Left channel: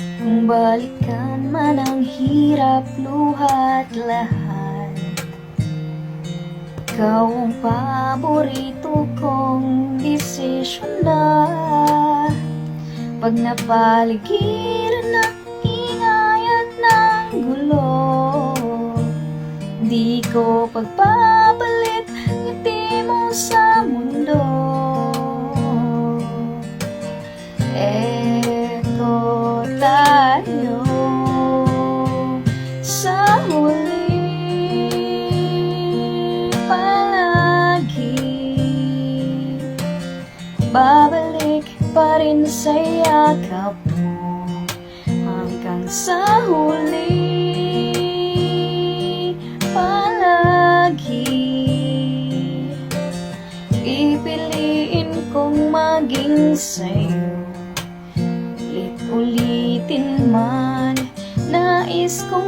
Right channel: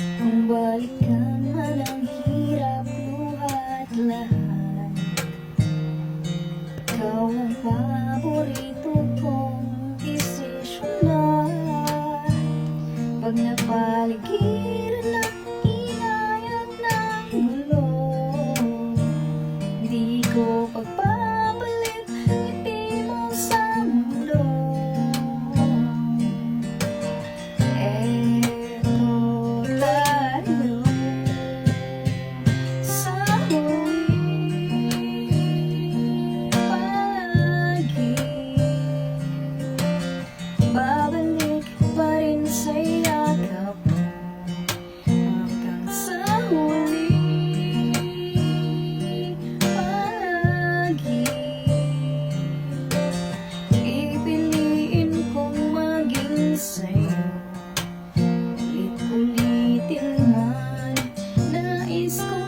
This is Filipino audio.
Kung balikan man ang hirap, luha't lahat, ikaw ang paborito kong desisyon na. Pag napaligiran ng ingay at ng gulo, di ko pagpapalit ngiti mo sa mundo. Eto tayo sa huli, palagi babalik pa rin sa yakap mo hanggang sa huli, palagi pipiliin kong maging sa'yo. Ulit-ulitin man, nais ko